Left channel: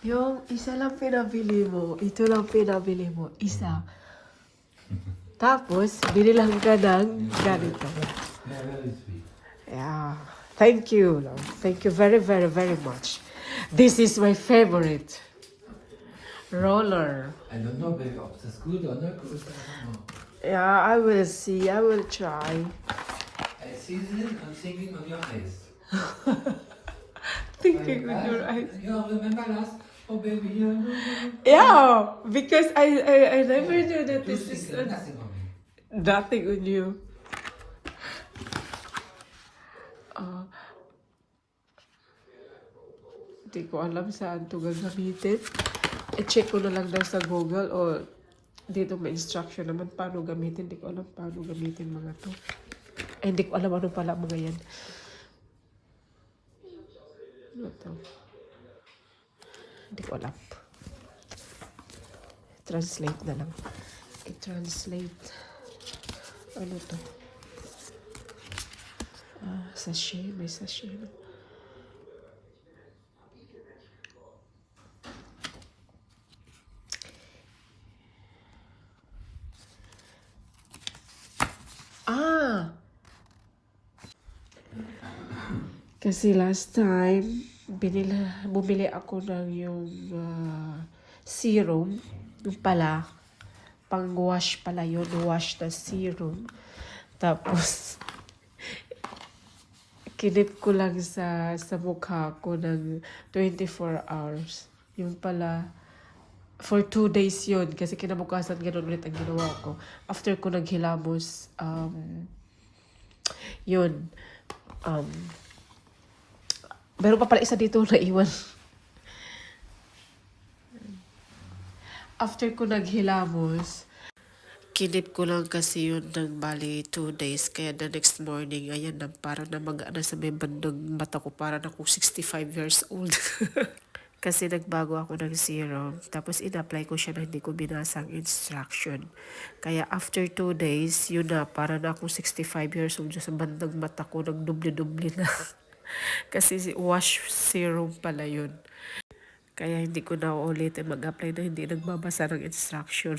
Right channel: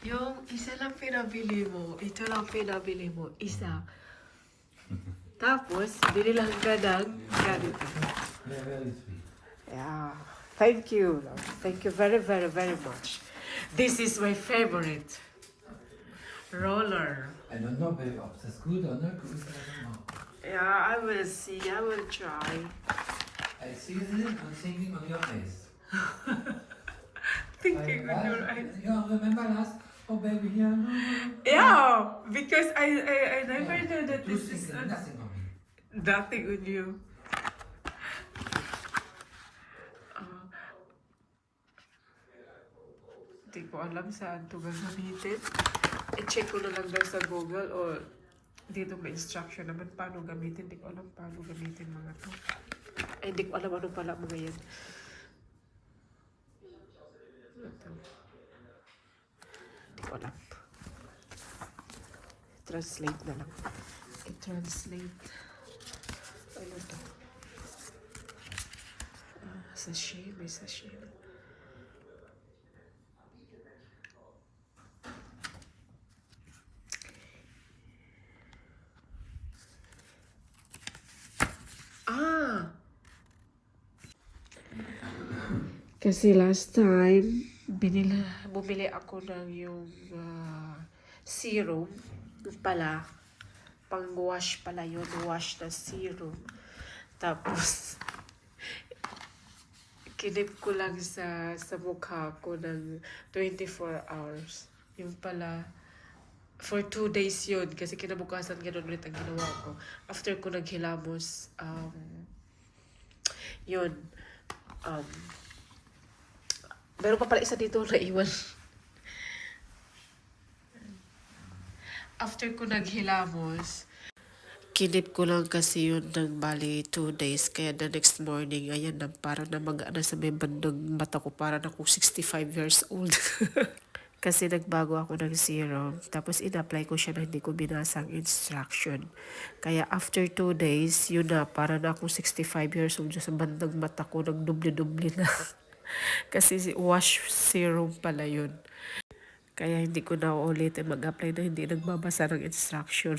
Yung isa lang pinabili mo, ito lang pinabili mo, isa. Tapos, binilang ka ng ganito. Yeah, very sweet. Yeah. Thank you. Thank you very, very, very much. This is my favorite. Roller. I don't know, baby, ob das gut oder nicht gut ist, I don't know. Yeah, I will see. I will try. I see it and thinking on your eyes. Thinking with your eyes. Yeah, remember last? Oh, baby, yeah, no, no, no. Yeah, because I never knew that You this is think nothing on me. nothing on you. Hindi ko alam saan ito gagamitin. I-check ko na lang daw sa Google o dito may instruction naman paano gamitin. Hindi ko alam paano gamitin mga to. Ay, hindi ko alam ano pala mga yan. Ano to? Hindi ko alam. Translate na lang. I-translate. Ano to? Sachet. May sachet. Kasi last time, bumili ako ng yung serum. Yung pala, pang-wash pala yun. Wash na serum. Tapos, kinip ko lang sa mukha ko ng 24 hours. Yung pala, for 2 days yun. Kasi kinabukasan ganun ulit ang ginawa ko. After ko naghilamos, yun. Meron pa pala isa dito na iwan. After ko naghilamos, kinip ko lang kasi yun ng bali 2 days. Kaya the next morning, ayan na, parang namaga sa may bandang mata ko. Parang ako 65 years old. Kasi nagbago ako ng serum. Tapos in-apply ko siya na hindi ko binasa ang instruction. Kaya after 2 days, yun na, parang ako 65 years old. Sa bandang mata ko, nagdubli-dubli na. Kasi wash serum pala yun. Kaya hindi ko na ulitin mag-apply na hindi nagbabasa ng instruction.